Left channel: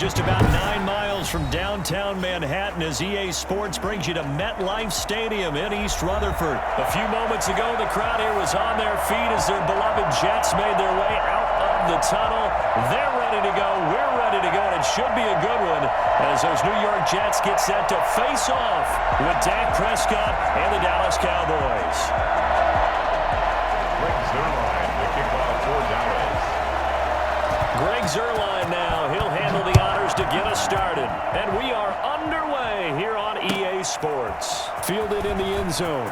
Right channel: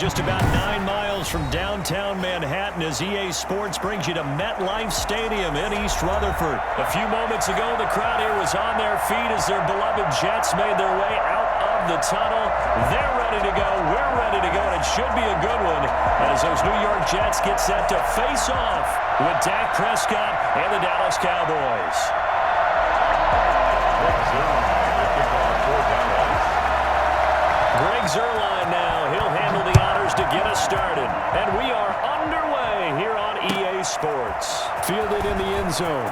just about 9 miles from downtown Manhattan as EA Sports brings you to MetLife Stadium in East Rutherford. A few moments ago, the crowd here was on their feet as their beloved Jets made their way out of the tunnel. They're ready to go. We're ready to go, and it should be a good one as those New York Jets get set to face off with Dak Prescott and the Dallas Cowboys. Greg Zuerlein, the kickoff for Dallas. Greg Zuerlein now. He'll handle the honors to get us started. And we are underway here on EA Sports. Fielded in the end zone.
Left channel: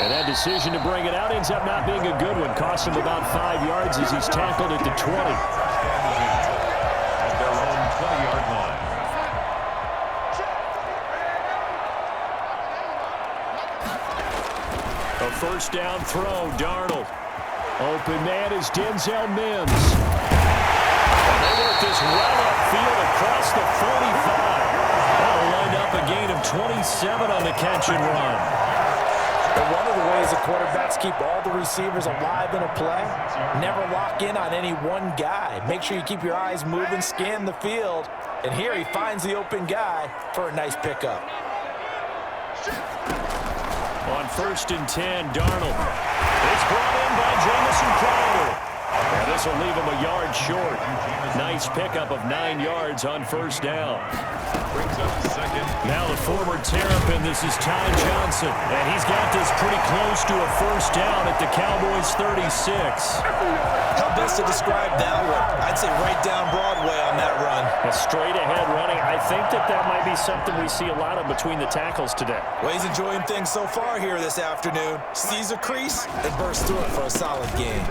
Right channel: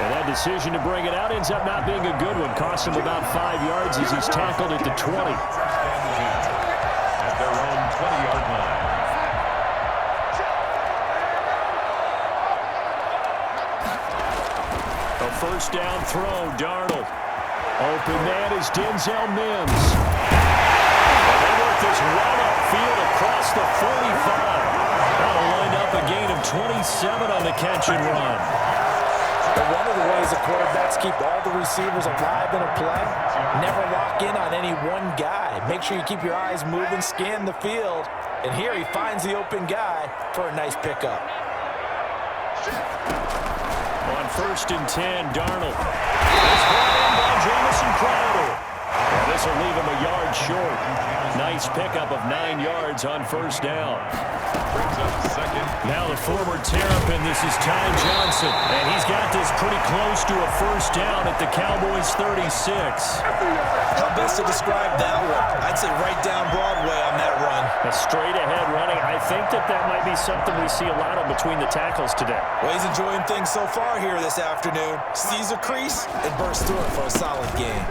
And that decision to bring it out ends up not being a good one. Cost him about 5 yards as he's tackled at the 20. At their own 20-yard line. A first down throw, Darnold. Open man is Denzel Mims. And they work this well upfield across the 45. That'll wind up a gain of 27 on the catch and run. But one of the ways the quarterbacks keep all the receivers alive in a play, never lock in on any one guy. Make sure you keep your eyes moving, scan the field. And here he finds the open guy for a nice pickup. On 1st and 10, Darnold. It's brought in by Jamison Crowder. And this will leave him a yard short. Nice pickup of 9 yards on first down. Brings up second. Now the former Terrapin, this is Ty Johnson. And he's got this pretty close to a first down at the Cowboys' 36. How best to describe that one? I'd say right down Broadway on that run. A straight ahead running. I think that might be something we see a lot of between the tackles today. Well, he's enjoying things so far here this afternoon. Sees a crease and bursts through it for a solid gain.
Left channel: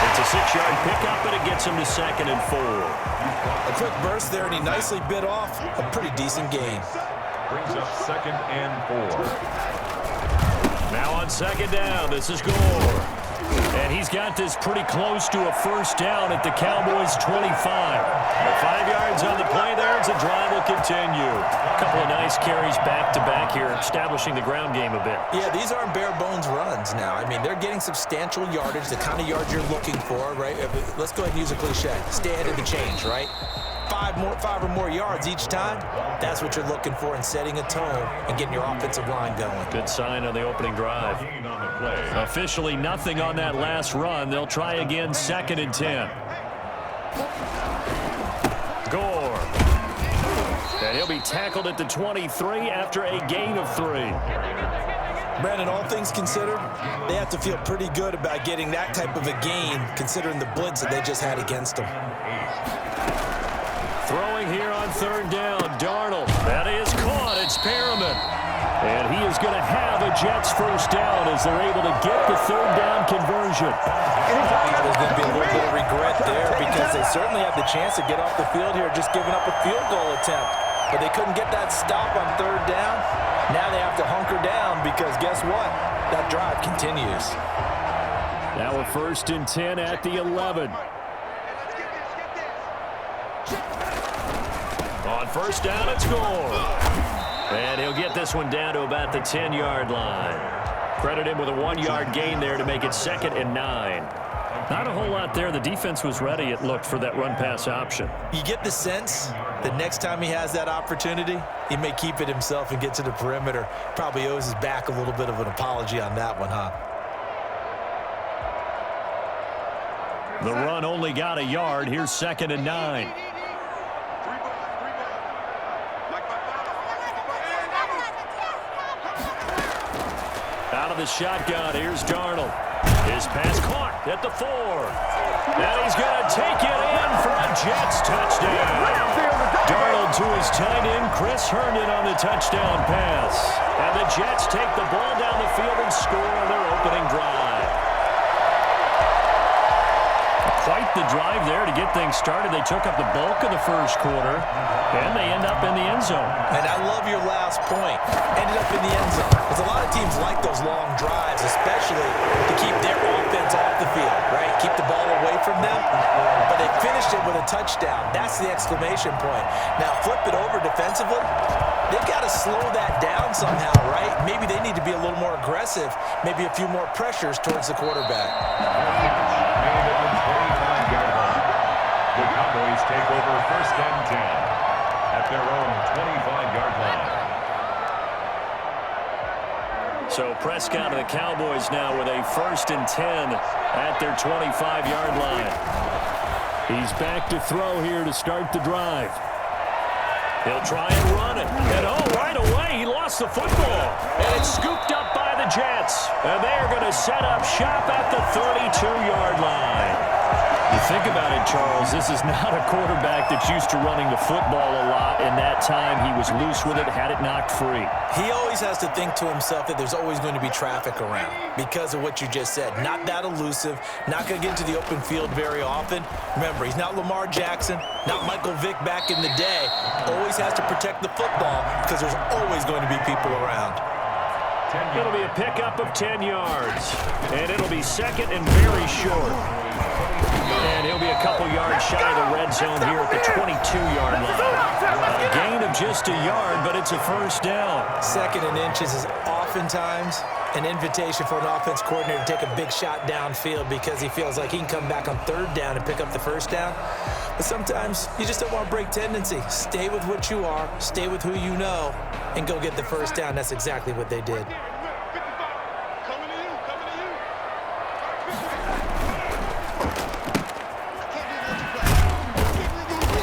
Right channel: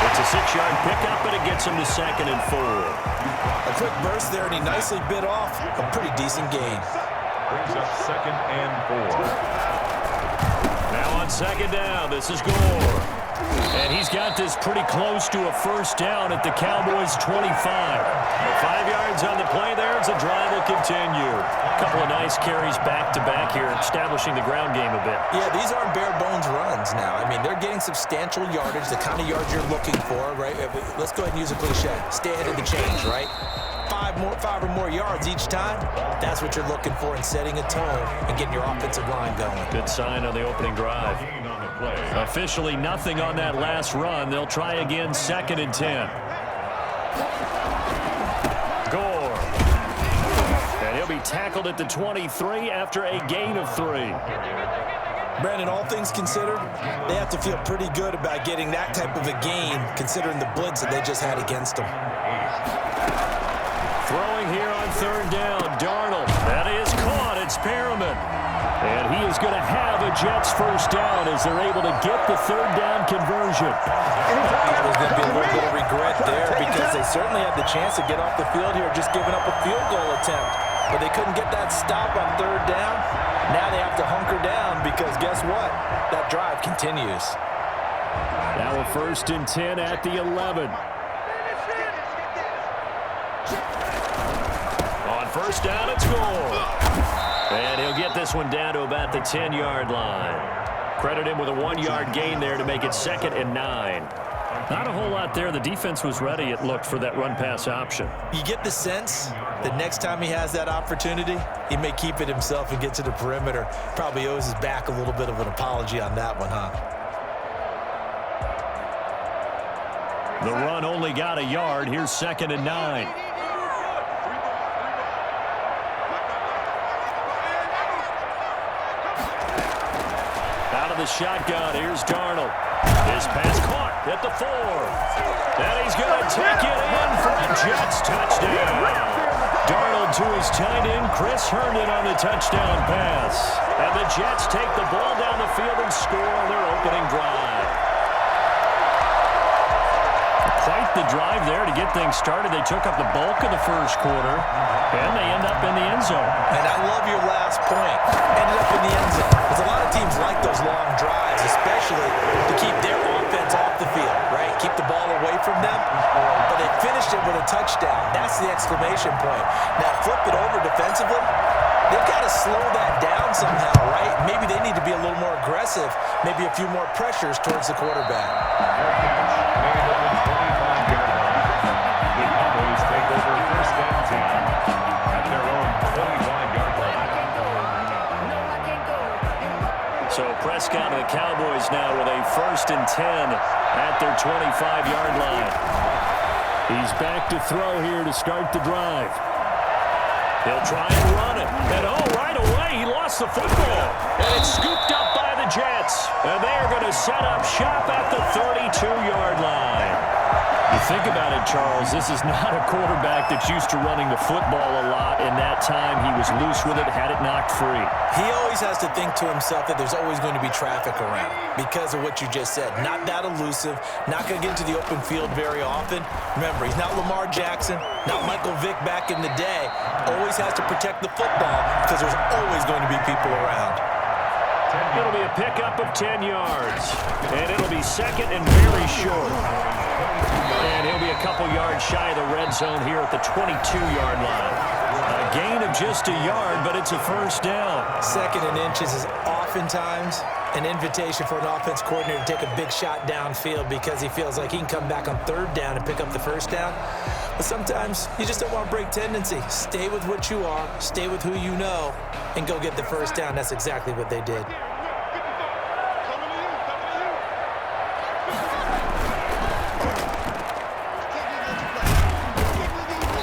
It's a 6-yard pickup, and it gets him to 2nd and 4. A quick burst there, and he nicely bit off a pretty decent gain. Brings up 2nd and 4. Now on 2nd down, this is Gore. And he's got this pretty close to a first down at the Cowboys' 25. 5 yards on the play there as the drive will continue. A couple of nice carries back-to-back here, establishing the ground game a bit. Yeah, these aren't bare-bones runs now. I mean, they're getting substantial yardage, the kind of yards you're looking for, right? Let's go ahead and use a cliche. Stay ahead of the change, right? 5 or more yards each time, that's what you're looking for in setting a tone and getting your offensive line going. Good sign on the opening drive. Officially nothing on that last run. They'll try again 2nd and 10. Gore. And he'll be tackled at the 23 after a gain of 3. Brandon, all things considered, they have to feel pretty good about getting that type of a gain considering the blitz that they just had against them. Throwing here on 3rd down, Darnold. That is caught. It's Perriman. And he is going to have a Jets first down as they're able to get the 3rd down conversion. There's going to be a little bit of regret there because they certainly had the chance to get off the field here just giving up a field goal attempt. But they couldn't get that stop on 3rd down. Now they have to hunker down because guess what? That drive continues. Now a 1st and 10 at the 11. On 1st down, it's Gore. And he'll get this one down to about the 10-yard line. Credit him with a 1-yard gain there to make it 2nd and 9. Not a whole lot there. The defense was ready, it looked, for that run-pass option. You get the sense that next time he has that opportunity, he may keep it himself and get to the perimeter. Probably owes his back a little bit of an apology on that one, huh? The run only got a yard. Here's 2nd and 9. Out of the shotgun, here's Darnold. His pass caught at the 4. And he's going to take it in for a Jets touchdown. Darnold to his tight end, Chris Herndon on the touchdown pass. And the Jets take the ball down the field and score on their opening drive. Quite the drive there to get things started. They took up the bulk of the first quarter, and they end up in the end zone. And I love your last point. Ended up in the end zone. Because a lot of teams like those long drives, especially to keep their offense off the field, right? Keep the ball away from them. But they finished it with a touchdown. That's the exclamation point. Now flip it over defensively. they've got to slow that down somehow, right? Maybe they need to be a little more aggressive, maybe a few more pressures towards the quarterback. Their catch made at the 25-yard line. The Cowboys take over 1st and 10 at their own 25-yard line. So Prescott and the Cowboys now with a 1st and 10 at their 25-yard line. He's back to throw here to start the drive. He'll try and run it. And right away, he lost the football. And it's scooped up by the Jets. And they're going to set up shop at the 32-yard line. You think about it, Charles, this is not a quarterback that's used to running the football a lot. In that time, he was loose with it, had it knocked free. He always has to think to himself that there's always going to be traffic around because of what you just said. Not that elusive, not going to get into the open field very often. Remember, he's not Lamar Jackson, not Michael Vick back in the day. Always has to protect the football because there's always going to be people around. It'll be a pickup of 10 yards, and it'll be second and very short. And he'll be a couple yards shy of the red zone here at the 22-yard line. A gain of just a yard, but it's a 1st down. 2nd and inches is oftentimes an invitation for an offense coordinator to take a big shot downfield because he feels like he can come back on 3rd down and pick up the 1st down. But sometimes you just don't want to break tendency. Stay with what you are, stay with who you know, and go get the 1st down. That's exactly what they did.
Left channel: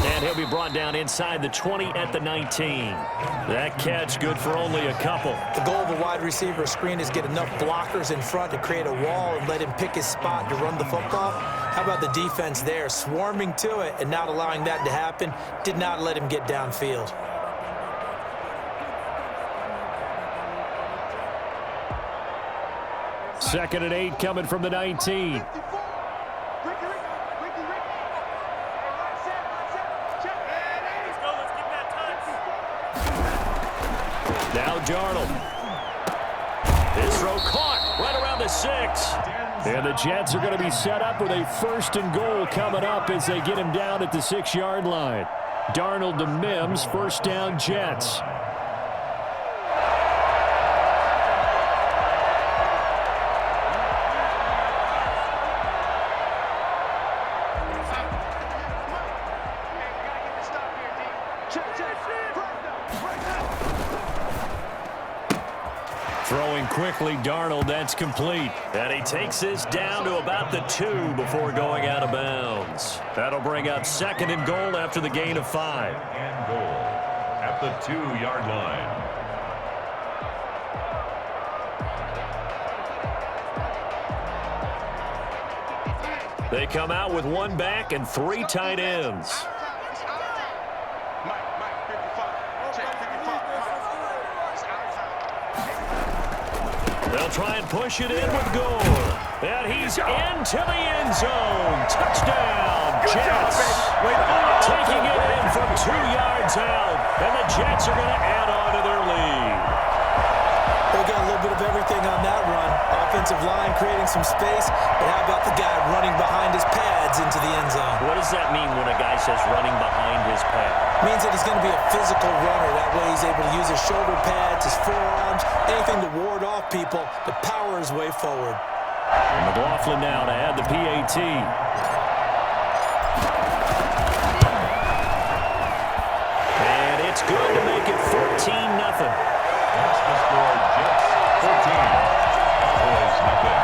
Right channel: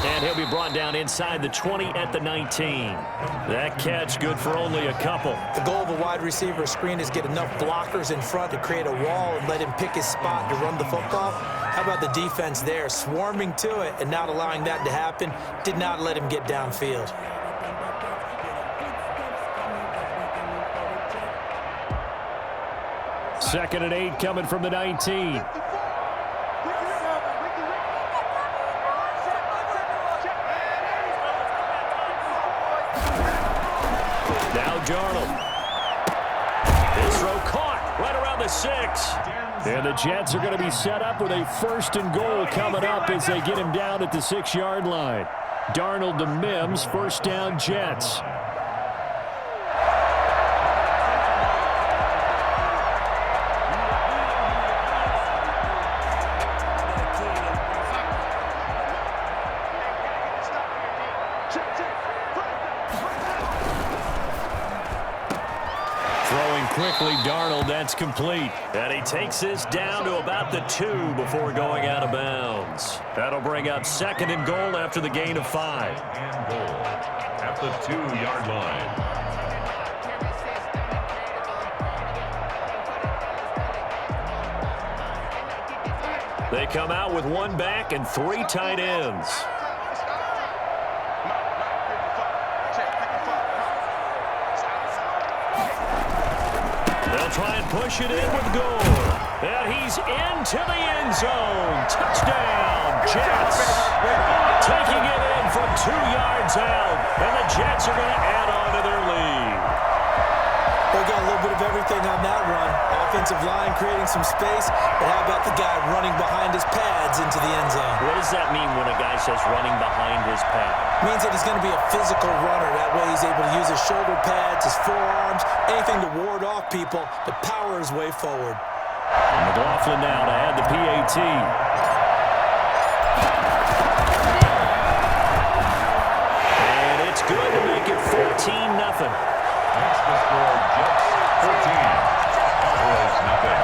And he'll be brought down inside the 20 at the 19. That catch good for only a couple. The goal of a wide receiver screen is get enough blockers in front to create a wall and let him pick his spot to run the football. How about the defense there, swarming to it and not allowing that to happen? Did not let him get downfield. Second and 8 coming from the 19. Now Darnold. His throw caught right around the 6. And the Jets are going to be set up with a 1st and goal coming up as they get him down at the 6-yard line. Darnold to Mims, 1st down Jets. Throwing quickly, Darnold, that's complete. And he takes this down to about the 2 before going out of bounds. That'll bring up 2nd and goal after the gain of 5. And goal at the 2-yard line. They come out with 1 back and 3 tight ends. They'll try and push it in with Gore. And he's into the end zone. Touchdown, Jets. Taking it in from 2 yards out. And the Jets are going to add on to their lead. They got a little bit of everything on that run. Offensive line creating some space, but how about the guy running behind his pads into the end zone? What does that mean when a guy says running behind his pad? It means that he's going to be a physical runner. That way he's able to use his shoulder pads, his forearms, anything to ward off people, but power his way forward. McLaughlin now to add the PAT. And it's good to make it 14-0. That's the score, Jets 14, Cowboys nothing.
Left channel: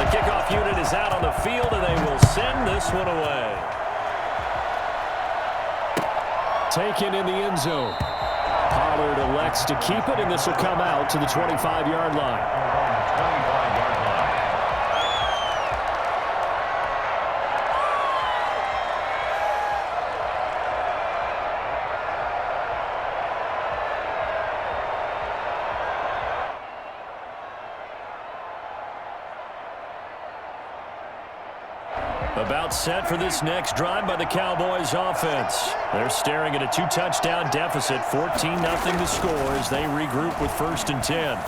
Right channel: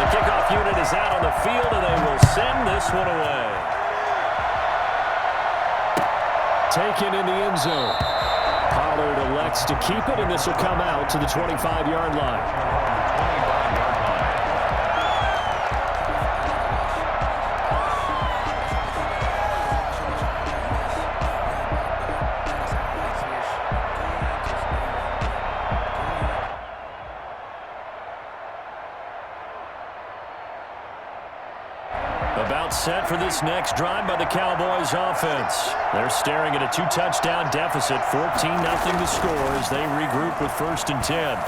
The kickoff unit is out on the field, and they will send this one away. Taken in the end zone. Pollard elects to keep it, and this will come out to the 25-yard line. 25-yard line. About set for this next drive by the Cowboys offense. They're staring at a 2-touchdown deficit, 14-0 to score as they regroup with 1st and 10.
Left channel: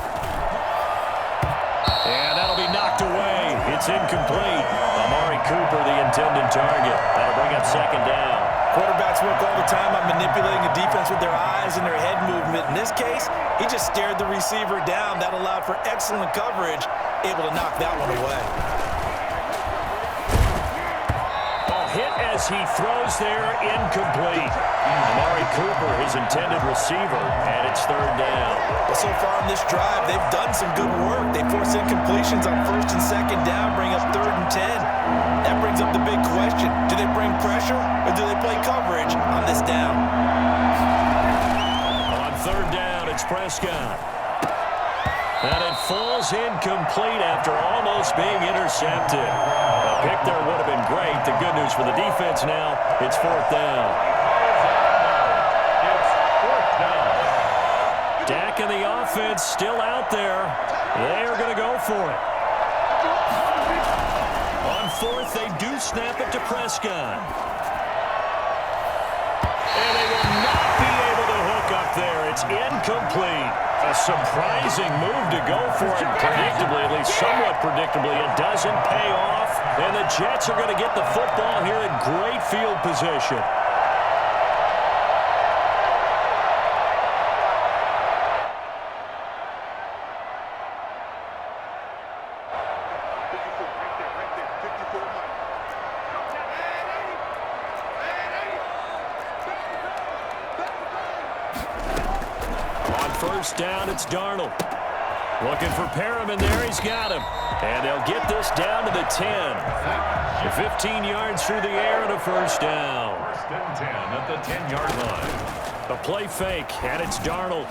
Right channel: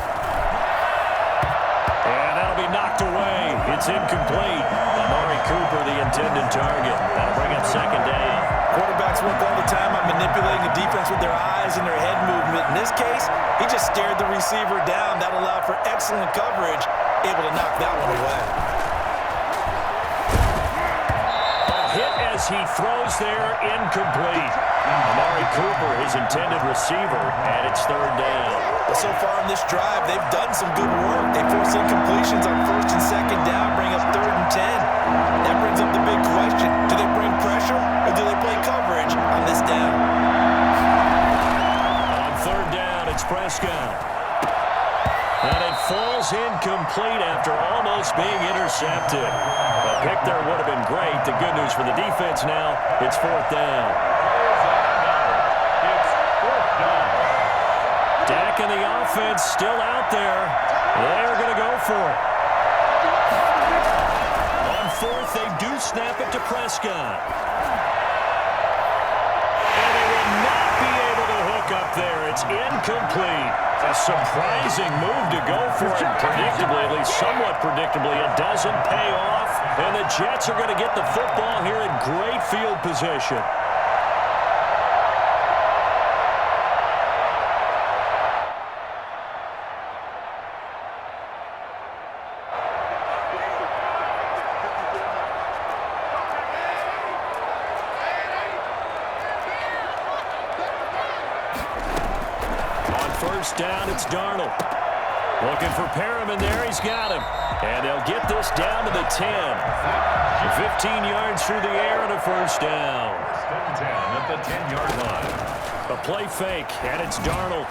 And that'll be knocked knocked away. It's incomplete. Amari Cooper, the intended target. That'll bring up second down. Quarterbacks work all the time on manipulating the defense with their eyes and their head movement. In this case, he just stared the receiver down. That allowed for excellent coverage, able to knock that one away. Hit as he throws there, incomplete. Amari Cooper, his intended receiver, and it's third down. Well, so far in this drive, they've done some good work. They force incompletions on first and second down, bring up 3rd and 10. That brings up the big question. Do they bring pressure, or do they play coverage on this down? On third down, it's Prescott. And it falls incomplete after almost being intercepted. A pick there would have been great. The good news for the defense now, it's 4th down. It's 4th down. Dak and the offense still out there. They are going to go for it. On 4th, they do snap it to Prescott. And they will not be able to hook up there. It's incomplete. A surprising move to go for it. Predictably, at least somewhat predictably, it doesn't pay off. And the Jets are going to get the football here in great field position. First down, it's Darnold. Looking for Perriman there. He's got him. And they'll get this down to the 10. 15 yards through the air and a first down. First and 10 at the 10-yard line. A play fake, and it's Darnold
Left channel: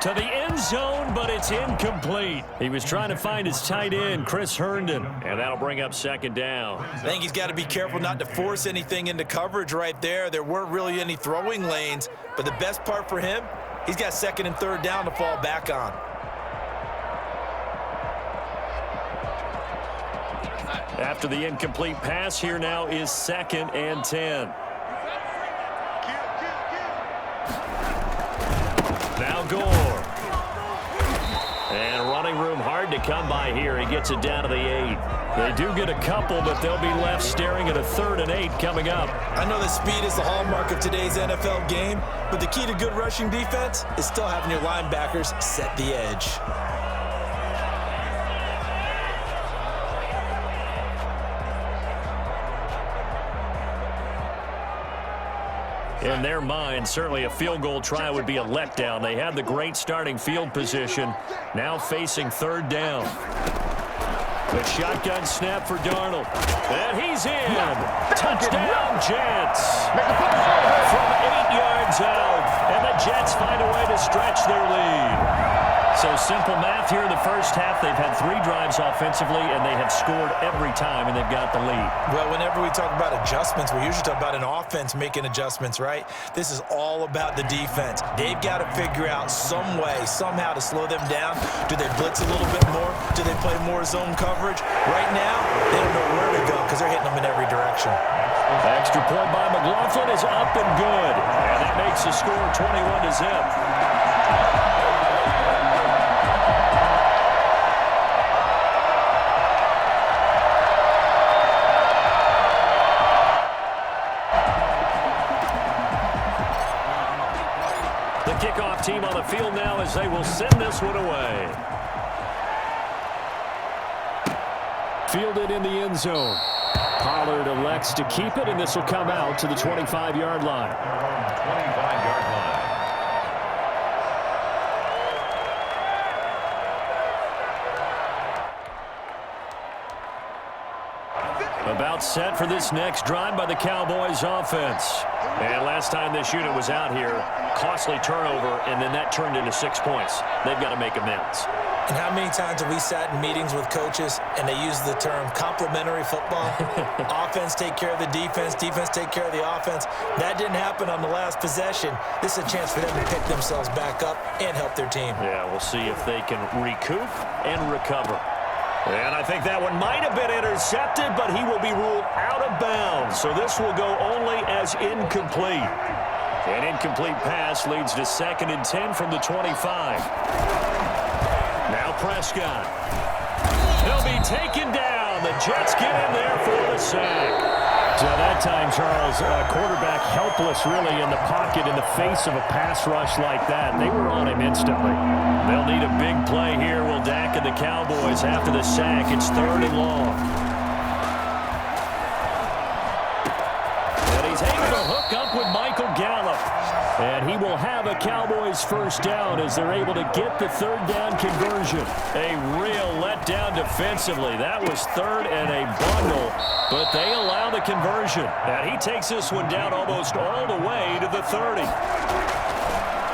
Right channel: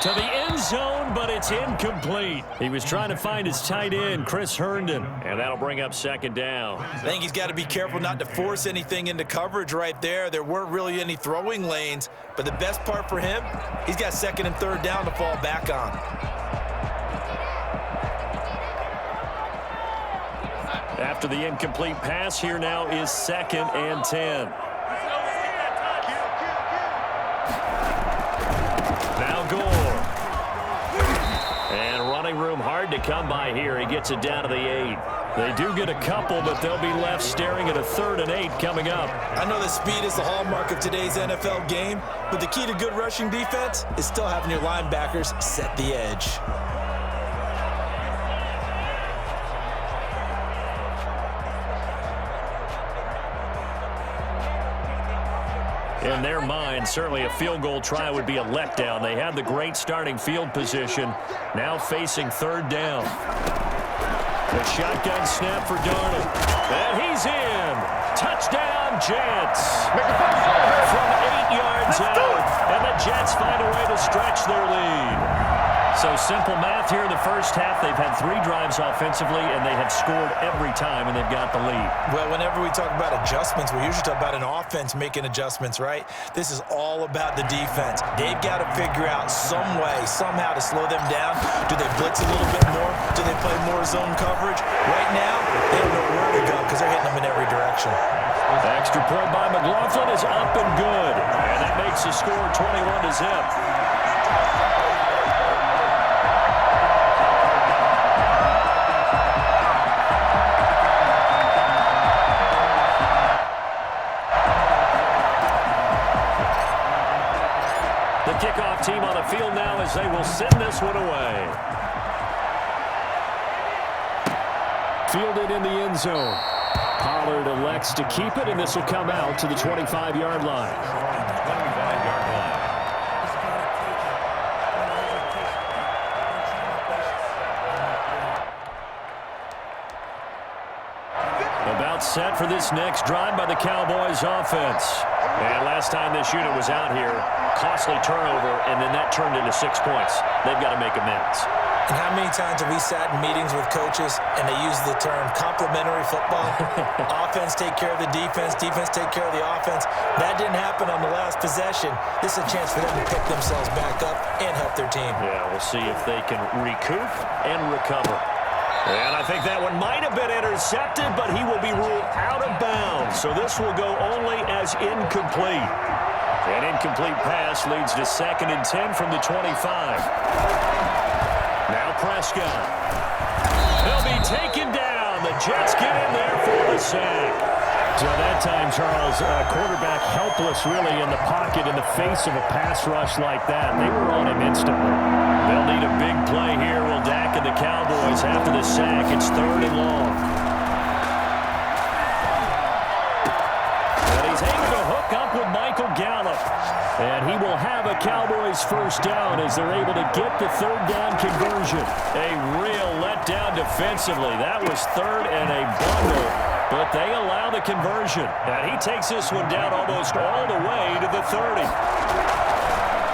to the end zone, but it's incomplete. He was trying to find his tight end, Chris Herndon, and that'll bring up second down. I think he's got to be careful not to force anything into coverage right there. There weren't really any throwing lanes, but the best part for him, he's got 2nd and 3rd down to fall back on. After the incomplete pass, here now is 2nd and 10. Now Gore. And running room hard to come by here. He gets it down to the 8. They do get a couple, but they'll be left staring at a 3rd and 8 coming up. I know that speed is the hallmark of today's NFL game, but the key to good rushing defense is still having your linebackers set the edge. In their mind, certainly a field goal try would be a letdown. They had the great starting field position, now facing 3rd down. The shotgun snap for Darnold. And he's in. Touchdown, Jets. From 8 yards out. And the Jets find a way to stretch their lead. So simple math here in the first half. They've had 3 drives offensively, and they have scored every time, and they've got the lead. Well, whenever we talk about adjustments, we usually talk about an offense making adjustments, right? This is all about the defense. They've got to figure out some way, somehow to slow them down. Do they blitz a little bit more? Do they play more zone coverage? Right now, they don't know where to go because they're hitting them in every direction. The extra point by McLaughlin is up and good. And that makes the score 21-0. The kickoff team on the field now as they will send this one away. Fielded in the end zone. Pollard elects to keep it, and this will come out to the 25-yard line. 25-yard line. About set for this next drive by the Cowboys offense. And last time this unit was out here, costly turnover, and then that turned into 6 points. They've got to make amends. And how many times have we sat in meetings with coaches and they use the term complementary football? Offense take care of the defense, defense take care of the offense. That didn't happen on the last possession. This is a chance for them to pick themselves back up and help their team. Yeah, we'll see if they can recoup and recover. And I think that one might have been intercepted, but he will be ruled out of bounds. So this will go only as incomplete. An incomplete pass leads to 2nd and 10 from the 25. Now Prescott. He'll be taken down. The Jets get in there for the sack. So that time, Charles, quarterback helpless really in the pocket in the face of a pass rush like that. They were on him instantly. They'll need a big play here. Will Dak and the Cowboys after the sack. It's 3rd and long. And he's able to hook up with Michael Gallup. And he will have a Cowboys first down as they're able to get the 3rd down conversion. A real letdown defensively. That was 3rd and a bundle, but they allow the conversion. And he takes this one down almost all the way to the 30.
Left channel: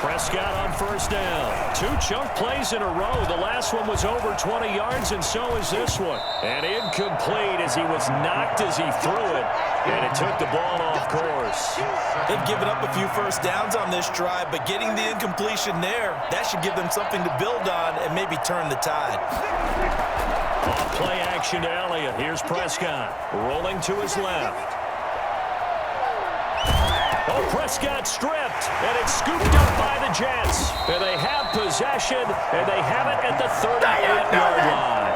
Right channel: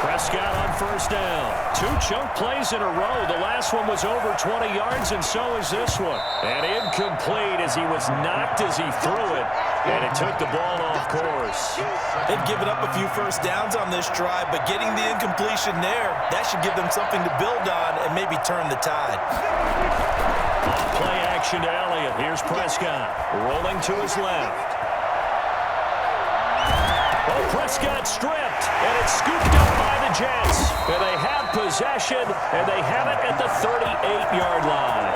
Prescott on first down. 2 chunk plays in a row. The last one was over 20 yards, and so is this one. And incomplete as he was knocked as he threw it, and it took the ball off course. They've given up a few first downs on this drive, but getting the incompletion there, that should give them something to build on and maybe turn the tide. Off play action to Elliott. Here's Prescott rolling to his left. Oh, Prescott stripped, and it's scooped up by the Jets. And they have possession, and they have it at the 38-yard line.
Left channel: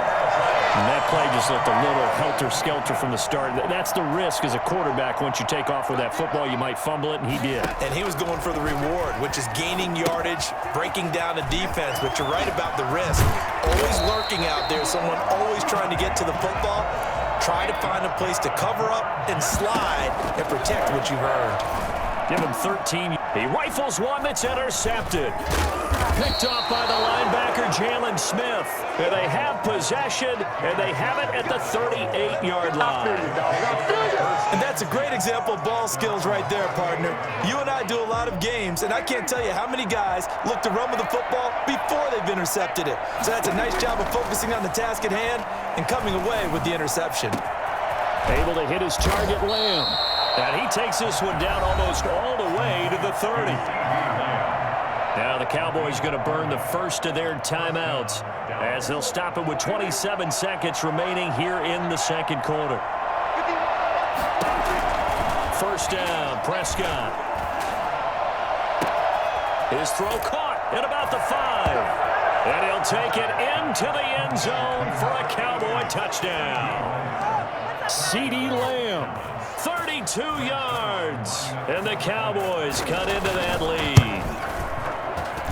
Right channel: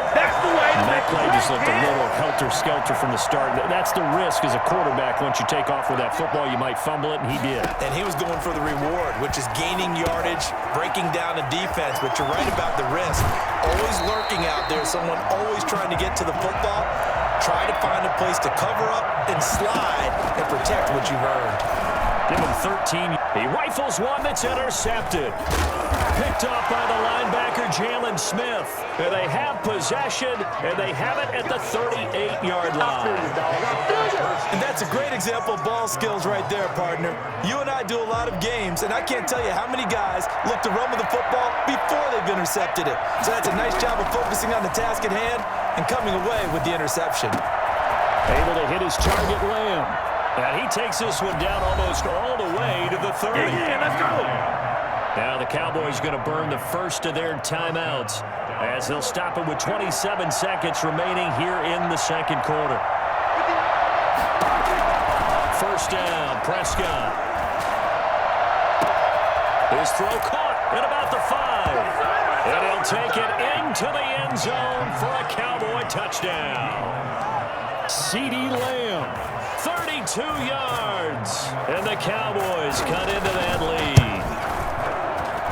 And that play just looked a little helter-skelter from the start. That's the risk as a quarterback. Once you take off with that football, you might fumble it, and he did. And he was going for the reward, which is gaining yardage, breaking down a defense. But you're right about the risk. Always lurking out there, someone always trying to get to the football. Try to find a place to cover up and slide and protect what you've earned. Give him 13. He rifles one that's intercepted. Picked off by the linebacker, Jalen Smith. And they have possession, and they have it at the 38-yard line. And that's a great example of ball skills right there, partner. You and I do a lot of games, and I can't tell you how many guys look to run with the football before they've intercepted it. So that's a nice job of focusing on the task at hand and coming away with the interception. Able to hit his target, Lamb. And he takes this one down almost all the way to the 30. Now the Cowboys going to burn the first of their timeouts as they'll stop it with 27 seconds remaining here in the second quarter. First down, Prescott. His throw caught at about the 5. And he'll take it into the end zone for a Cowboy touchdown. CeeDee Lamb. 32 yards, and the Cowboys cut into that lead.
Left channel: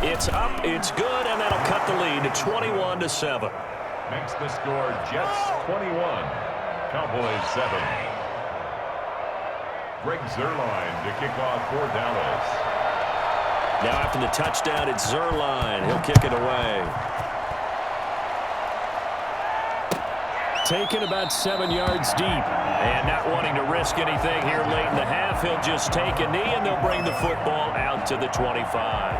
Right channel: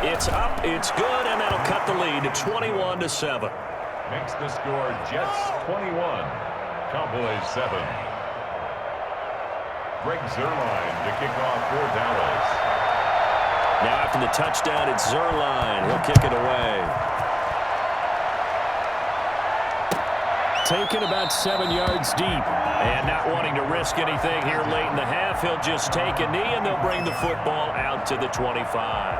It's up, it's good, and that'll cut the lead to 21-7. Makes the score Jets 21, Cowboys 7. Greg Zuerlein to kick off for Dallas. Now after the touchdown, it's Zuerlein. He'll kick it away. Taken about 7 yards deep. And not wanting to risk anything here late in the half, he'll just take a knee, and they'll bring the football out to the 25.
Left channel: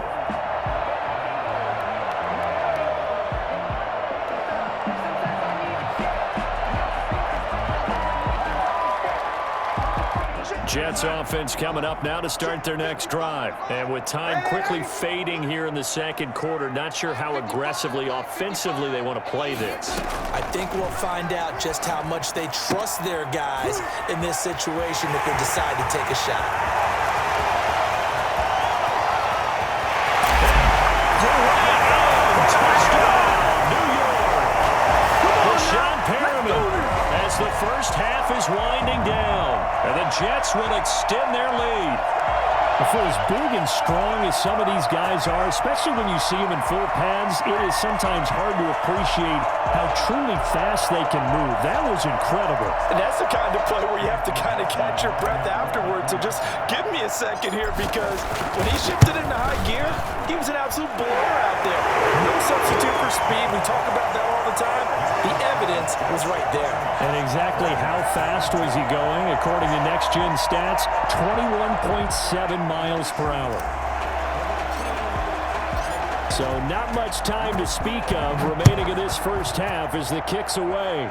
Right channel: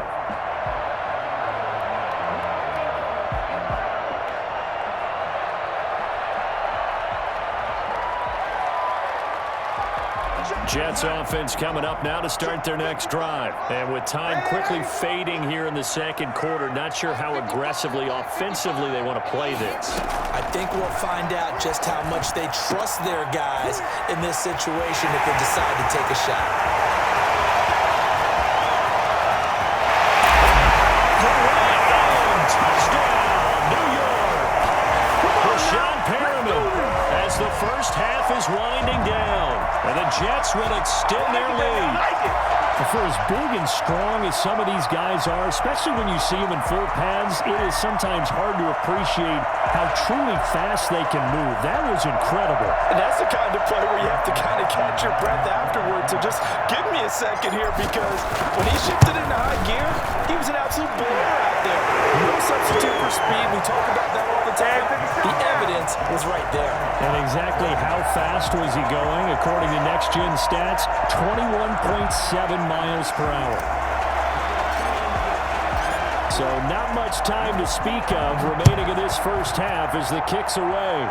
Jets offense coming up now to start their next drive. And with time quickly fading here in the second quarter, not sure how aggressively, offensively they want to play this. I think we'll find out just how much they trust their guys in this situation if they decide to take a shot. Touchdown, New York. Rashawn Perriman as the first half is winding down. And the Jets will extend their lead. For as big and strong as some of these guys are, especially when you see them in full pads, it is sometimes hard to appreciate how truly fast they can move. That was incredible. And that's the kind of play where you have to kind of catch your breath afterwards. So just give me a second here, because when he shifted into high gear, he was an absolute blower out there. No substitute for speed. We talk about that all the time. The evidence was right there. And exactly how fast was he going? According to Next Gen Stats, 21.7 miles per hour. So not much time to speak of remaining in this first half as the kick's away.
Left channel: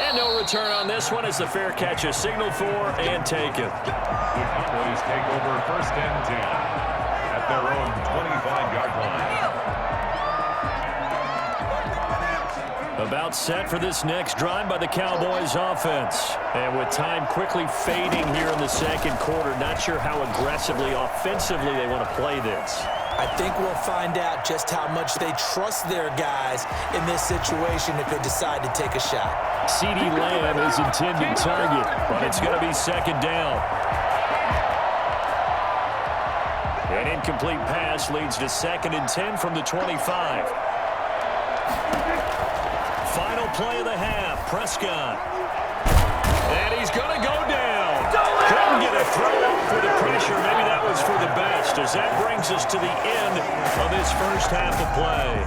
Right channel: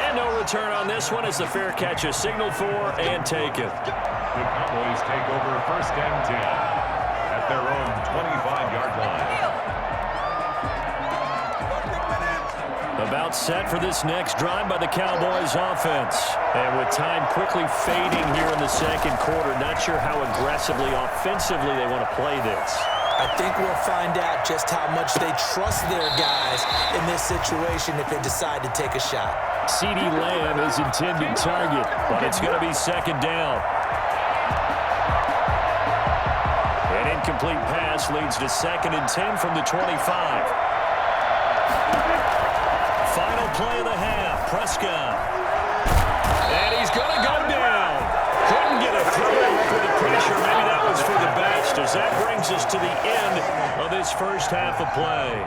And no return on this one as the fair catch is signaled for and taken. The Cowboys take over first and 10 at their own 25-yard line. About set for this next drive by the Cowboys offense. And with time quickly fading here in the second quarter, not sure how aggressively, offensively they want to play this. I think we'll find out just how much they trust their guys in this situation if they decide to take a shot. CeeDee Lamb is intended target, but it's going to be second down. An incomplete pass leads to 2nd and 10 from the 25. Final play of the half, Prescott. And he's going to go down. Couldn't get a throw off with the pressure. Maybe that was for the best, as that brings us to the end of this first half of play.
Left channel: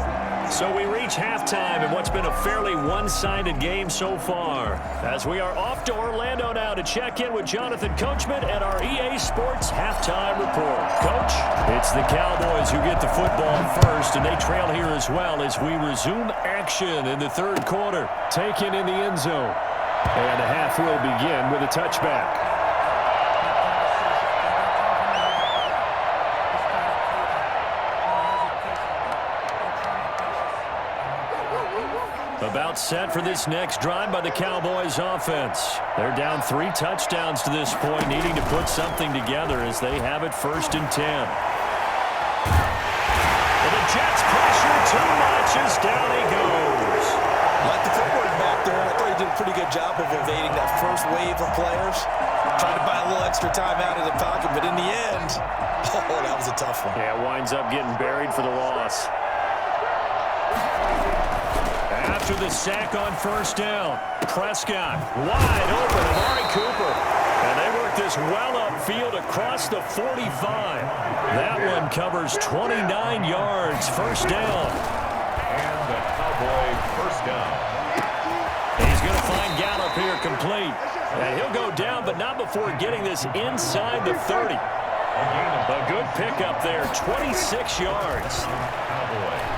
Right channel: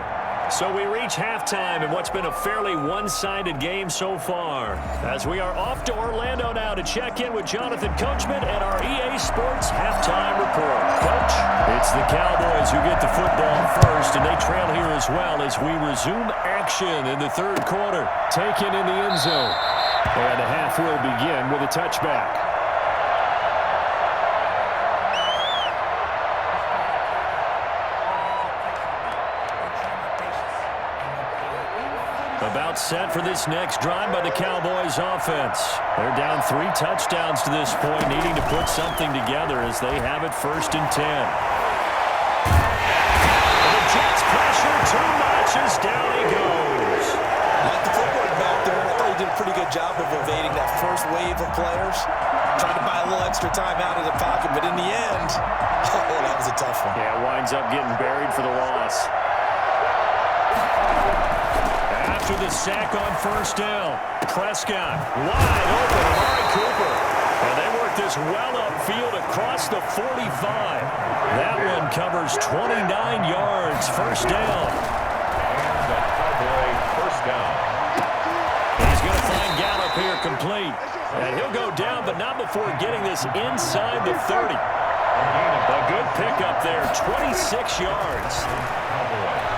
So we reach halftime in what's been a fairly one-sided game so far, as we are off to Orlando now to check in with Jonathan Coachman and our EA Sports Halftime Report. Coach, it's the Cowboys who get the football first, and they trail here as well as we resume action in the third quarter. Taken in the end zone. And the half will begin with a touchback. About set for this next drive by the Cowboys offense. They're down 3 touchdowns to this point, needing to put something together as they have it 1st and 10. And the Jets pressure too much as down he goes. Like the footwork back there, I thought he did a pretty good job of evading that first wave of players. Trying to buy a little extra time out of the pocket, but in the end, oh, that was a tough one. Yeah, winds up getting buried for the loss. After the sack on 1st down, Prescott wide open, Amari Cooper. And they work this well upfield across the 45. That one covers 29 yards, 1st down. And the Cowboy 1st down. He's going to find Gallup here complete. And he'll go down, but not before getting this inside the 30. A good pickup there, 26 yards. Cowboys.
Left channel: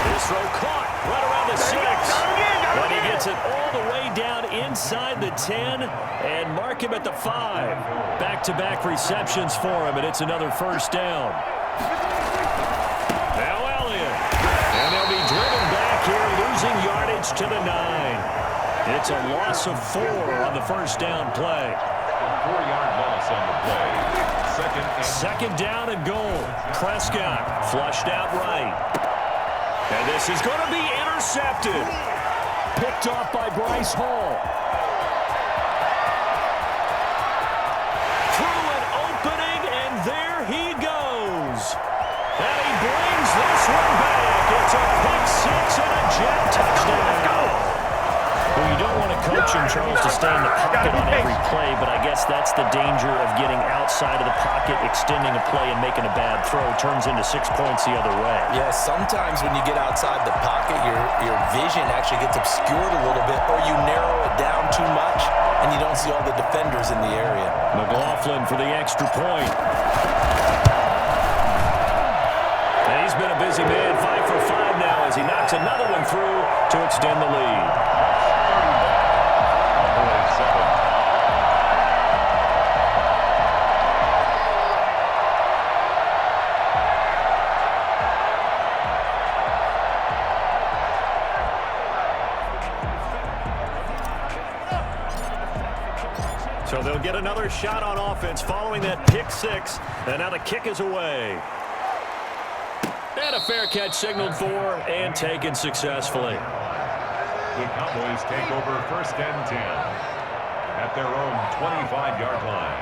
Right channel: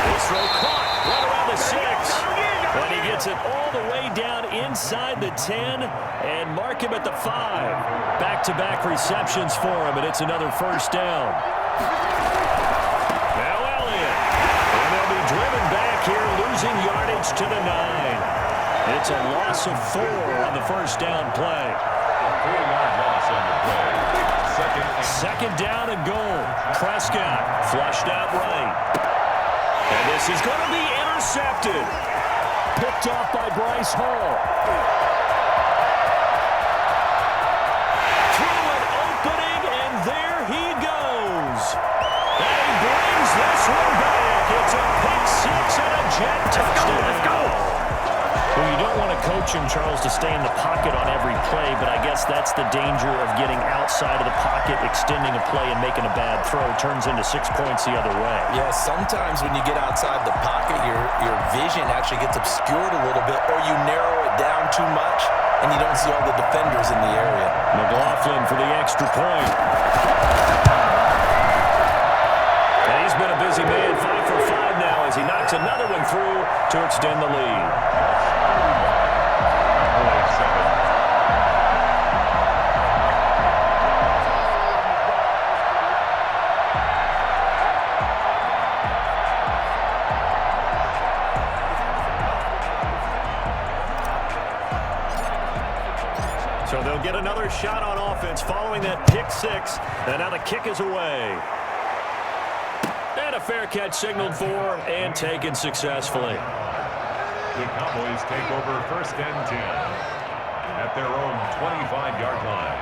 This throw caught right around the 6. And he gets it all the way down inside the 10 and mark him at the 5. Back-to-back receptions for him, and it's another 1st down. Now Elliott. And they'll be driven back here, losing yardage to the 9. It's a loss of 4 on the 1st down play. 4-yard loss on the play. 2nd down and goal. Prescott flushed out right. And this is going to be intercepted. Picked off by Bryce Hall. Through an opening, and there he goes. And he brings this one back. It's a pick 6 and a Jet touchdown. Let's go. Well, you don't want to coach him, Charles, to stay in the pocket on every play, but I guess that's the danger of getting outside of the pocket, extending a play, and making a bad throw. Turns into 6 points the other way. Yeah, sometimes when you get outside the pocket, your vision actually gets obscured a little bit, or you narrow it down too much, and you don't see all the defenders in the area. McLaughlin for the extra point. And he's been a busy man, 5 for 5 now as he knocks another one through to extend the lead. Cowboys 7. So they'll get another shot on offense following that pick 6. And now the kick is away. And a fair catch signaled for and taken successfully. The Cowboys take over 1st and 10 at their own 25-yard line.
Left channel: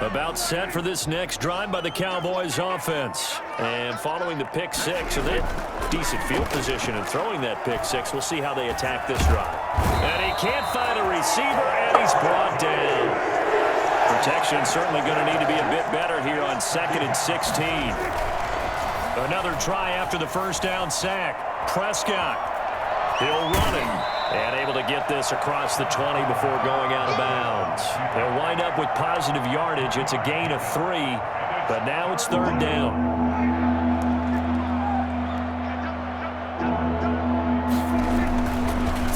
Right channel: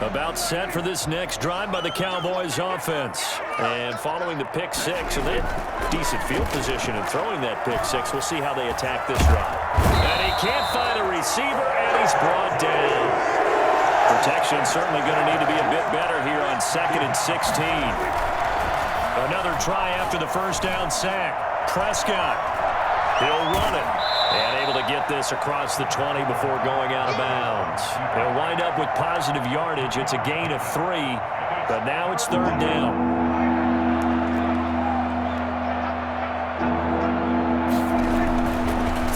About set for this next drive by the Cowboys offense. And following the pick 6, and they had decent field position in throwing that pick 6. We'll see how they attack this drive. And he can't find a receiver, and he's brought down. Protection certainly going to need to be a bit better here on 2nd and 16. Another try after the 1st down sack. Prescott. He'll run it. And able to get this across the 20 before going out of bounds. He'll wind up with positive yardage. It's a gain of 3, but now it's 3rd down.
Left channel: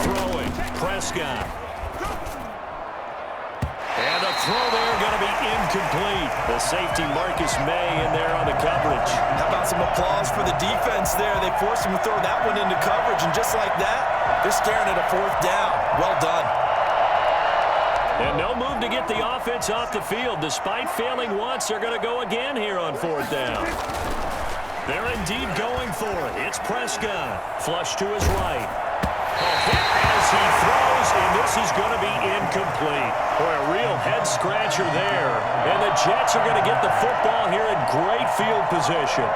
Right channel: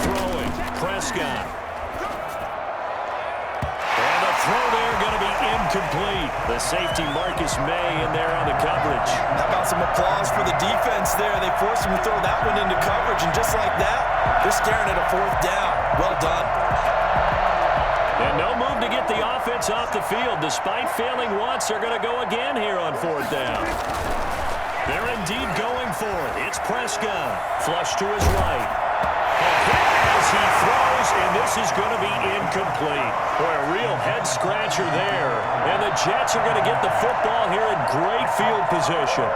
Throwing. Prescott. And a throw there going to be incomplete. The safety Marcus May in there on the coverage. How about some applause for the defense there? They forced him to throw that one into coverage, and just like that, they're staring at a 4th down. Well done. And no move to get the offense off the field. Despite failing once, they're going to go again here on 4th down. They're indeed going for it. It's Prescott. Flush to his right. A hit as he throws, and this is going to be incomplete. Boy, a real head-scratcher there. And the Jets are going to get the football here in great field position.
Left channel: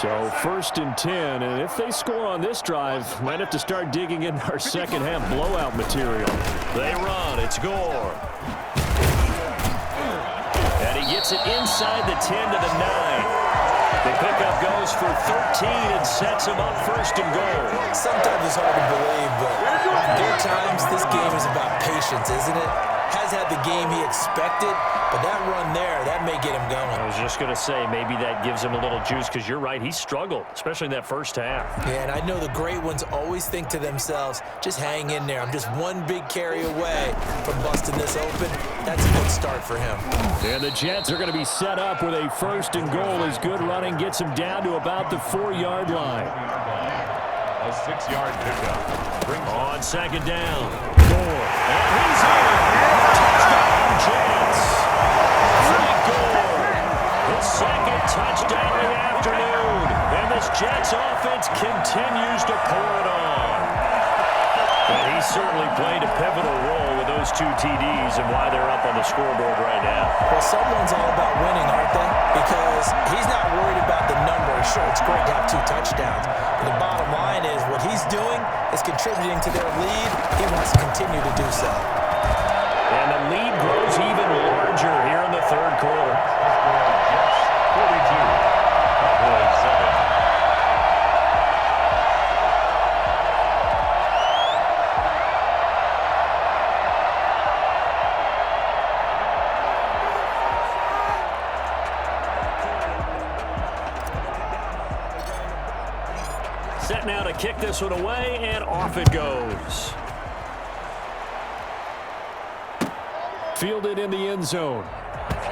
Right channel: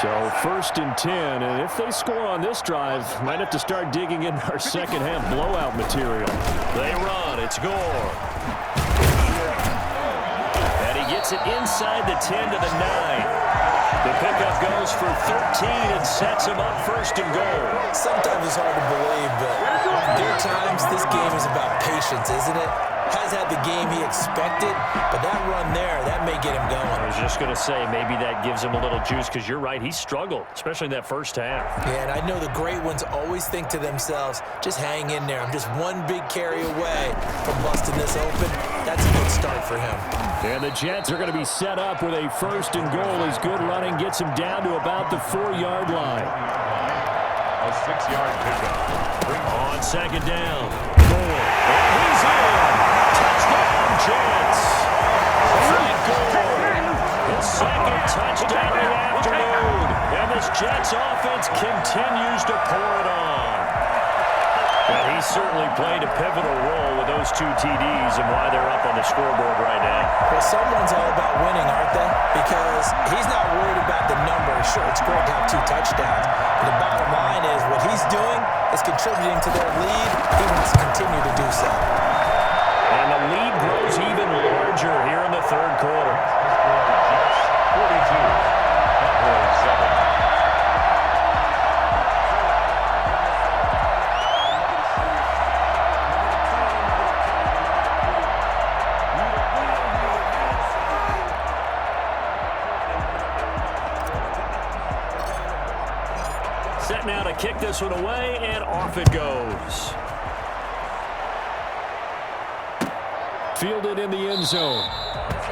So 1st and 10, and if they score on this drive, might have to start digging in our second-half blowout material. They run. It's Gore. And he gets it inside the 10 to the 9. The pickup goes for 13 and sets him up 1st and goal. Sometimes it's hard to believe, but there are times this game is about patience, isn't it? Has had the game he expected, but that run there, that may get him going. I was just going to say, maybe that gives him a little juice, because you're right, he struggled, especially in that first half. Yeah, and I know the great ones always think to themselves, just hang in there. I'm just one big carry away from busting this open. That's a good start for him. And the Jets are going to be set up with a 1st and goal as good running gets him down to about the 4-yard line. A 6-yard pickup. On 2nd down. Gore. And he's in. Touchdown, Jets. Frank Gore. His 2nd touchdown of the afternoon. And this Jets offense continues to pour it on. And he certainly played a pivotal role with those 2 TDs and why they're up on the scoreboard right now. Well, someone's all about winning, aren't they? Because he's not worried about the numbers. Sure, it's great to have 2 touchdowns. But the bottom line is what he's doing is contributing to their lead. He wants to continue to do so. And the lead grows even larger here in the 3rd quarter. Jets 42, Cowboys 7. Set now to kick this one away, and off it goes. Fielded in the end zone.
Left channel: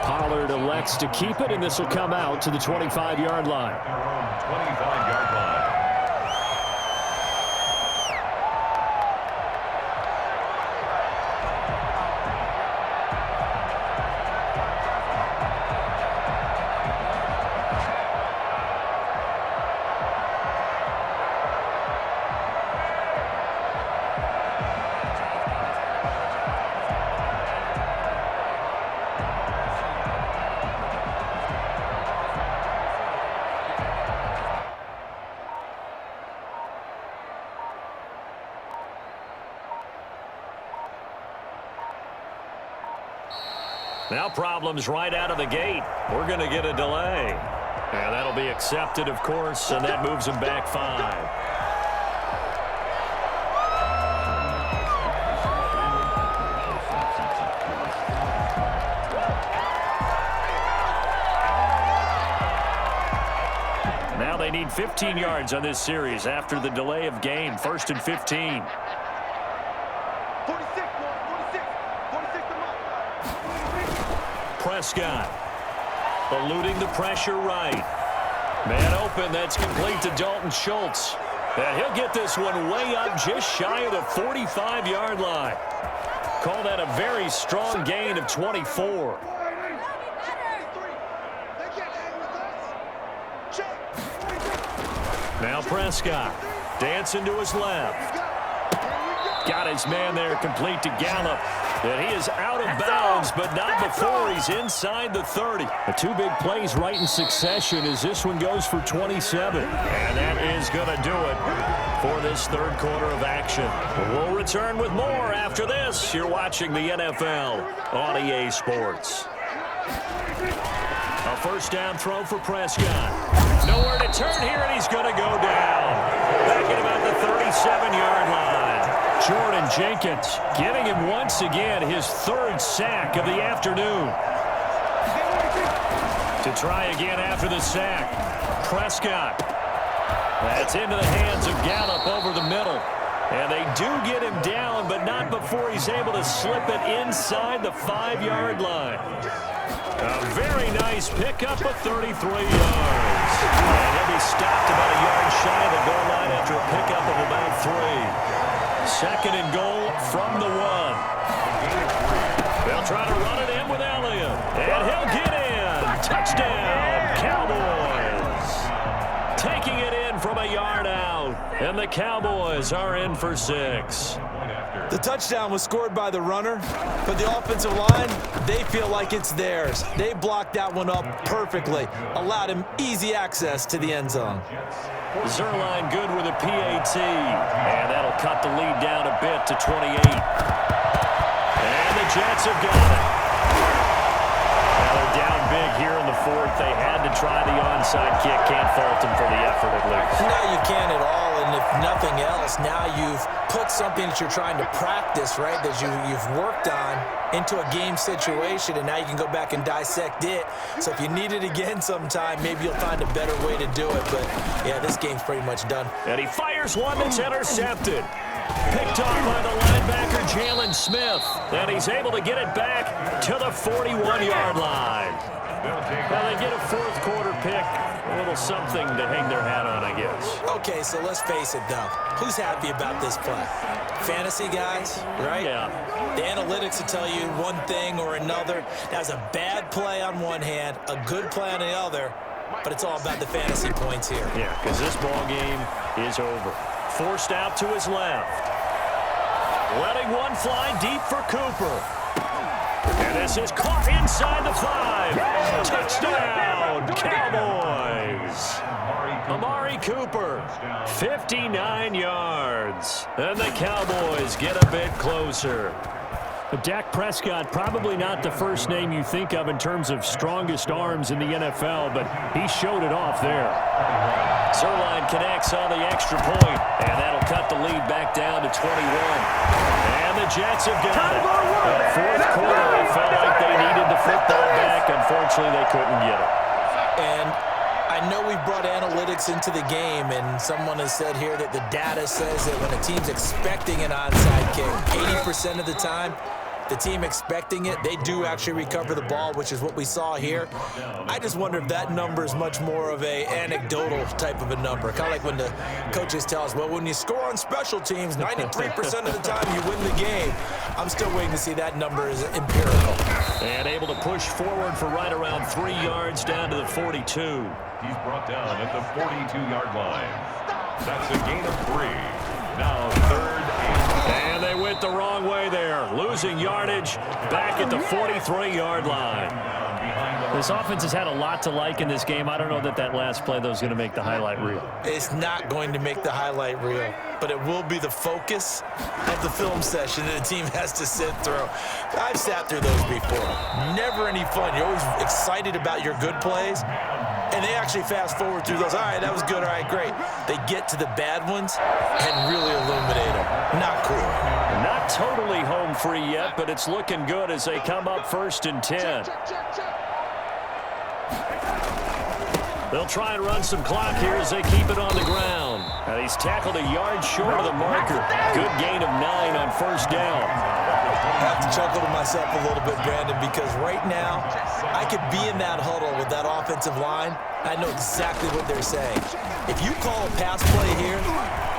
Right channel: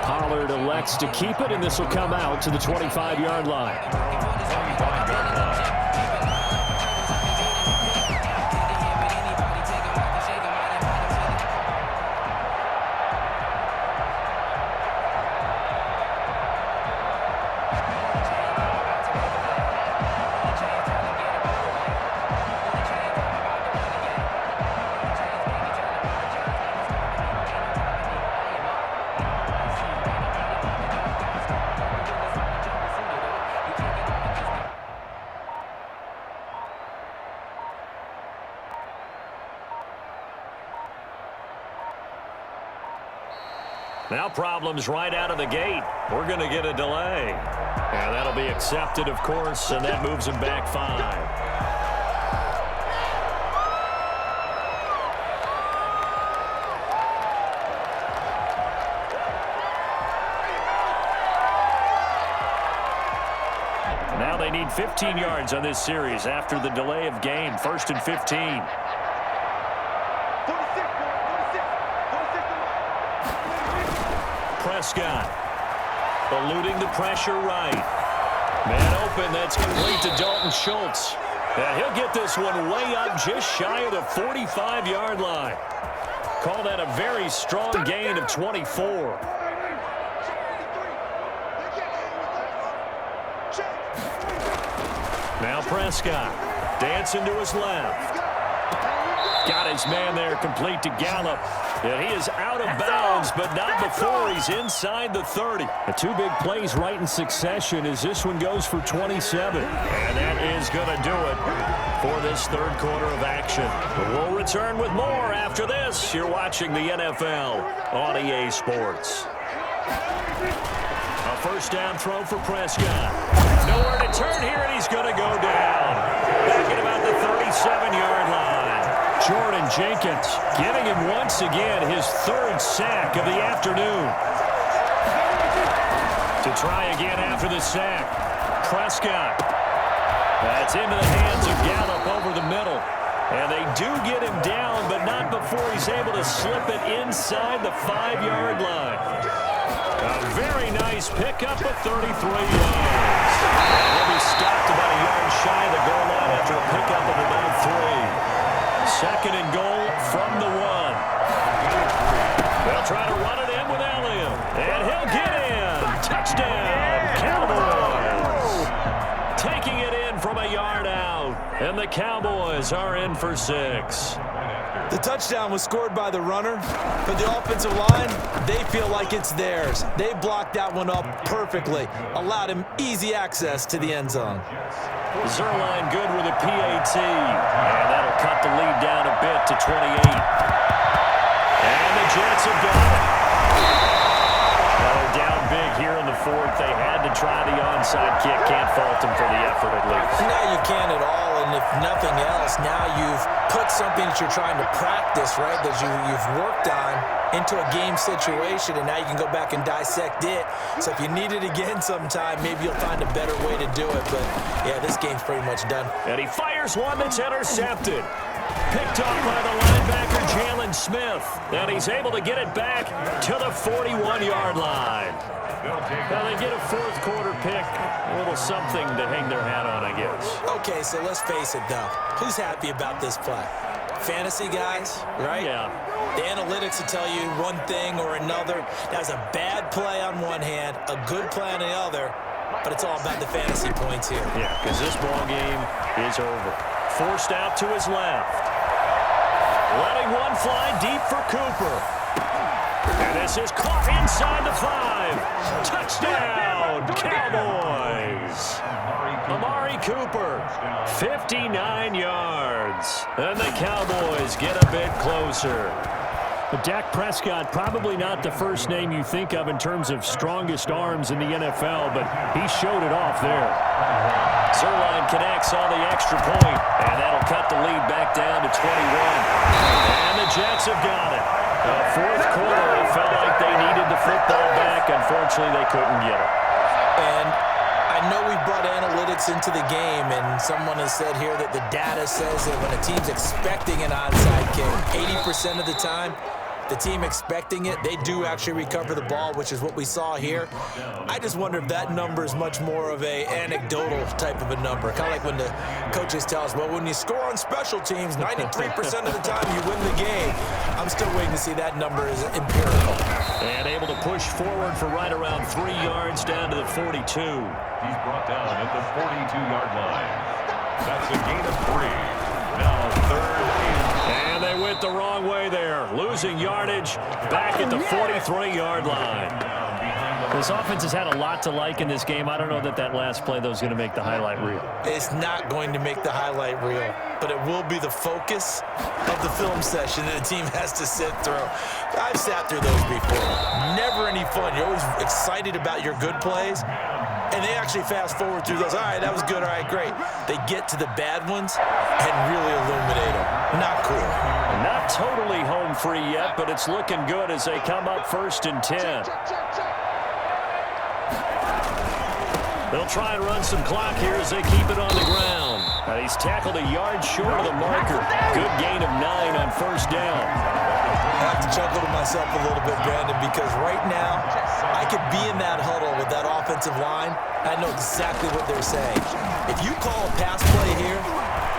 Pollard elects to keep it, and this will come out to the 25-yard line. 25-yard line. Now problems right out of the gate. We're going to get a delay. And that'll be accepted, of course, and that moves him back 5. Now they need 15 yards on this series after the delay of game. 1st and 15. Prescott eluding the pressure right. Man open, that's complete to Dalton Schultz. And he'll get this one way up just shy of the 45-yard line. Call that a very strong gain of 24. Now Prescott dancing to his left. Got his man there complete to Gallup. And he is out of bounds, but not before he's inside the 30. The 2 big plays right in succession as this one goes for 27. And that is going to do it for this 3rd quarter of action. We'll return with more after this. You're watching the NFL on EA Sports. A 1st down throw for Prescott. Nowhere to turn here, and he's going to go down. Back at about the 37-yard line. Jordan Jenkins giving him once again his 3rd sack of the afternoon. To try again after the sack. Prescott. That's into the hands of Gallup over the middle. And they do get him down, but not before he's able to slip it inside the 5-yard line. A very nice pickup of 33 yards. And he'll be stopped about a yard shy of the goal line after a pickup of about 3. Second and goal from the 1. They'll try to run it in with Elliott. And he'll get in. Touchdown, Cowboys. Taking it in from a yard out. And the Cowboys are in for 6. The touchdown was scored by the runner, but the offensive line, they feel like it's theirs. They blocked that one up perfectly, allowed him easy access to the end zone. Zerline good with a PAT, and that'll cut the lead down a bit to 28. And the Jets have got it. Now they're down big here in the 4th. They had to try the onside kick. Can't fault them for the effort at least. No, you can't at all, and if nothing else, now you've put something that you're trying to practice, right, that you've worked on into a game situation, and now you can go back and dissect it. So if you need it again sometime, maybe you'll find a better way to do it. But, yeah, this game's pretty much done. And he fires one that's intercepted. Picked off by the linebacker, Jalen Smith. And he's able to get it back to the 41-yard line. Now they get a 4th quarter pick. A little something to hang their hat on, I guess. Okay, so let's face it, though. Who's happy about this play? Fantasy guys, right? Yeah. The analytics will tell you one thing or another. That was a bad play on one hand, a good play on the other, but it's all about the fantasy points here. Yeah, because this ball game is over. Forced out to his left. Letting one fly deep for Cooper. And this is caught inside the 5. Touchdown, Cowboys. Amari Cooper, 59 yards. And the Cowboys get a bit closer. But Dak Prescott, probably not the first name you think of in terms of strongest arms in the NFL, but he showed it off there. Zerline connects on the extra point, and that'll cut the lead back down to 21. And the Jets have got it. The 4th quarter, it felt like they needed the football back. Unfortunately, they couldn't get it. And I know we brought analytics into the game, and someone has said here that the data says that when a team's expecting an onside kick, 80% of the time, the team expecting it, they do actually recover the ball, which is what we saw here. I just wonder if that number is much more of a anecdotal type of a number. Kind of like when the coaches tell us, well, when you score on special teams, 93% of the time you win the game. I'm still waiting to see that number is empirical. And able to push forward for right around 3 yards down to the 42. He's brought down at the 42-yard line. That's a gain of 3. Now 3rd and they went the wrong way there. Losing yardage back at the 43-yard line. This offense has had a lot to like in this game. I don't know that last play, though, is going to make the highlight reel. It's not going to make the highlight reel, but it will be the focus of the film session that the team has to sit through. I've sat through those before. Never any fun. You're always excited about your good plays, and they actually fast forward through those. All right, that was good. All right, great. They get to the bad ones and really illuminate them. Not cool. Not totally home free yet, but it's looking good as they come up 1st and 10. They'll try and run some clock here as they keep it on the ground. And he's tackled a yard short of the marker. Good gain of 9 on 1st down. I have to chuckle to myself a little bit, Brandon, because right now I could be in that huddle with that offensive line. I know exactly what they're saying. If you call a pass play here,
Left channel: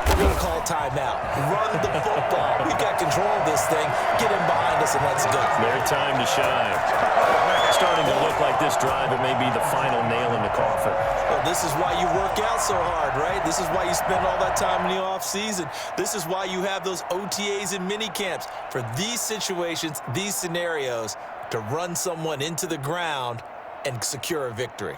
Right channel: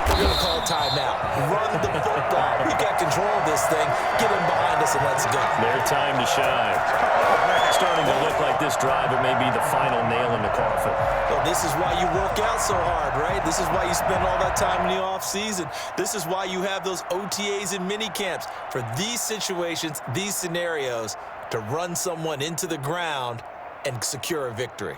we're going to call timeout. Run the football. We've got control of this thing. Get in behind us and let's go. Their time to shine. Starting to look like this drive, it may be the final nail in the coffin. Well, this is why you work out so hard, right? This is why you spend all that time in the offseason. This is why you have those OTAs and mini camps for these situations, these scenarios, to run someone into the ground and secure a victory.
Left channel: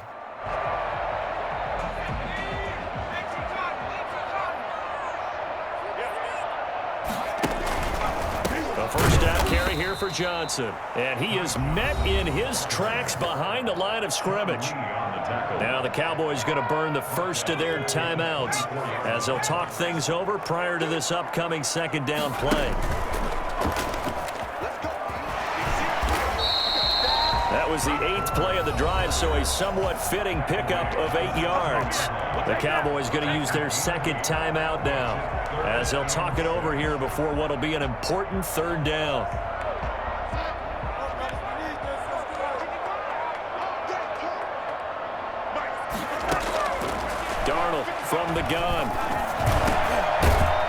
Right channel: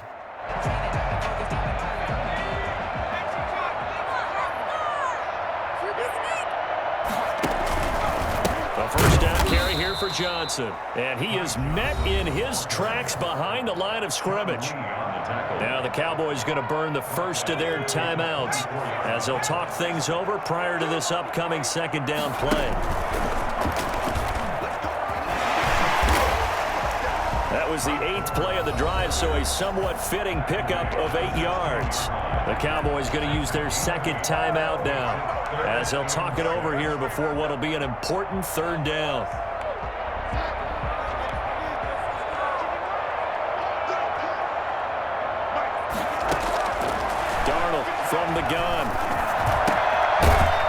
A 1st down carry here for Johnson. And he is met in his tracks behind the line of scrimmage. Now the Cowboys going to burn the first of their timeouts as they'll talk things over prior to this upcoming 2nd down play. That was the 8th play of the drive, so a somewhat fitting pickup of 8 yards. The Cowboys going to use their second timeout now, as they'll talk it over here before what will be an important 3rd down. Darnold from the gun.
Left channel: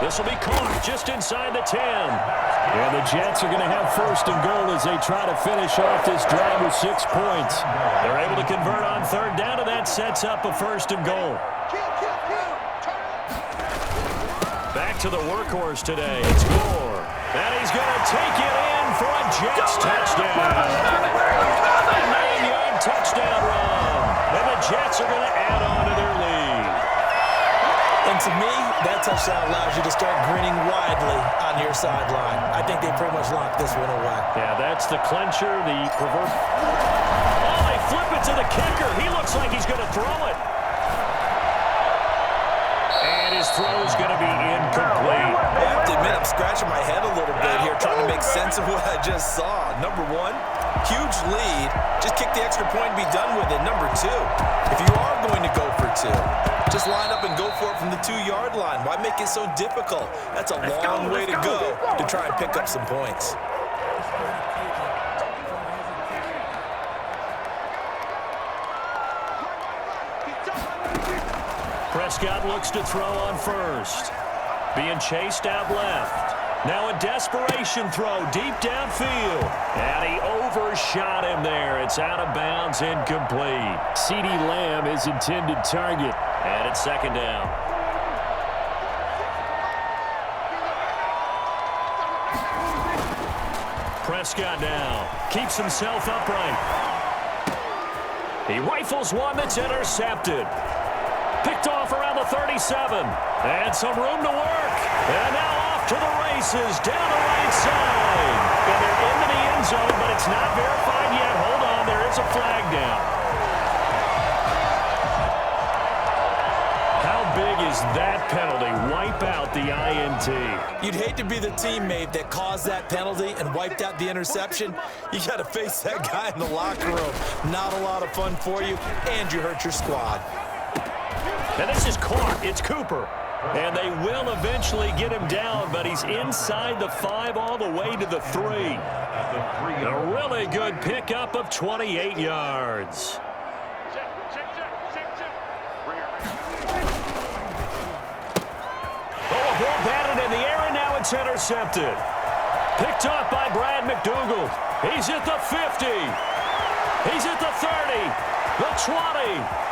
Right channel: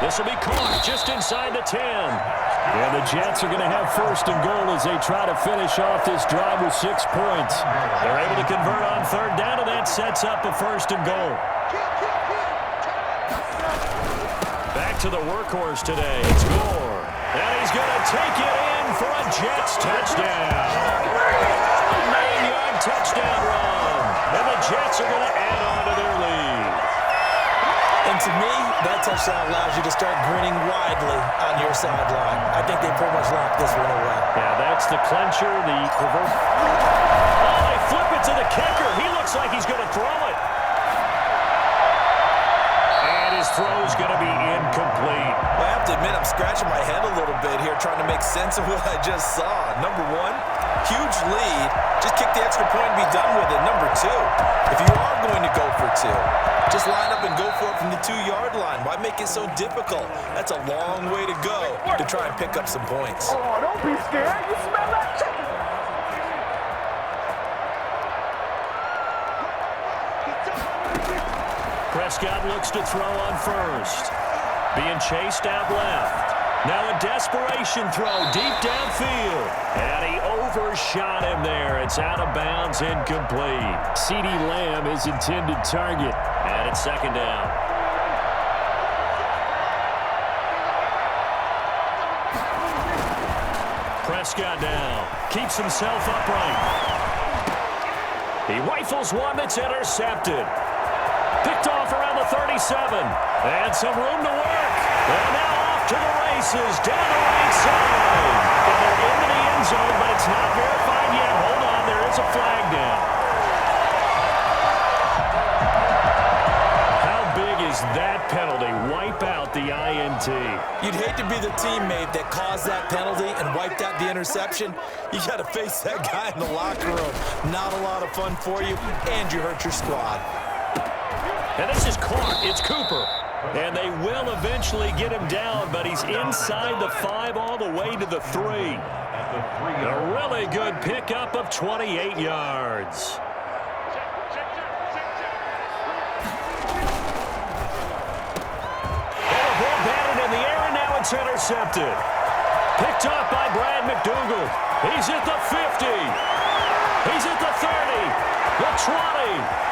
This will be caught just inside the 10. And the Jets are going to have 1st and goal as they try to finish off this drive with 6 points. They're able to convert on 3rd down, and that sets up a 1st and goal. Back to the workhorse today. It's Gore. And he's going to take it in for a Jets touchdown. A 9-yard touchdown run. And the Jets are going to add on to their lead. And to me, that touchdown allows you to start grinning widely on your sideline. I think they pretty much locked this one away. Yeah, that's the clincher, the Oh, they flip it to the kicker. He looks like he's going to throw it. And his throw's going to be incomplete. I have to admit, I'm scratching my head a little bit here trying to make sense of what I just saw. Number 1, huge lead. Just kick the extra point and be done with it. Number 2, if you are going to go for 2, just line up and go for it from the 2-yard line. Why make it so difficult? That's a long way to go to try and pick up some points. Prescott looks to throw on 1st. Being chased out left. Now a desperation throw deep downfield. And he overshot him there. It's out of bounds, incomplete. CeeDee Lamb is intended target. And it's 2nd down. Prescott now keeps himself upright. He rifles one that's intercepted. Picked off around the 37. And some room to work. And now off to the races down the right side. And they're into the end zone, but it's not verified yet. Hold on, there is a flag down. How big is that penalty? Wipe out the INT. You'd hate to be the teammate that caused that penalty and wiped out the interception. You got to face that guy in the locker room. Not a lot of fun for you, and you hurt your squad. And this is caught. It's Cooper. And they will eventually get him down, but he's inside the 5 all the way to the 3. A really good pickup of 28 yards. Oh, a ball batted in the air, and now it's intercepted. Picked off by Brad McDougal. He's at the 50. He's at the 30, the 20.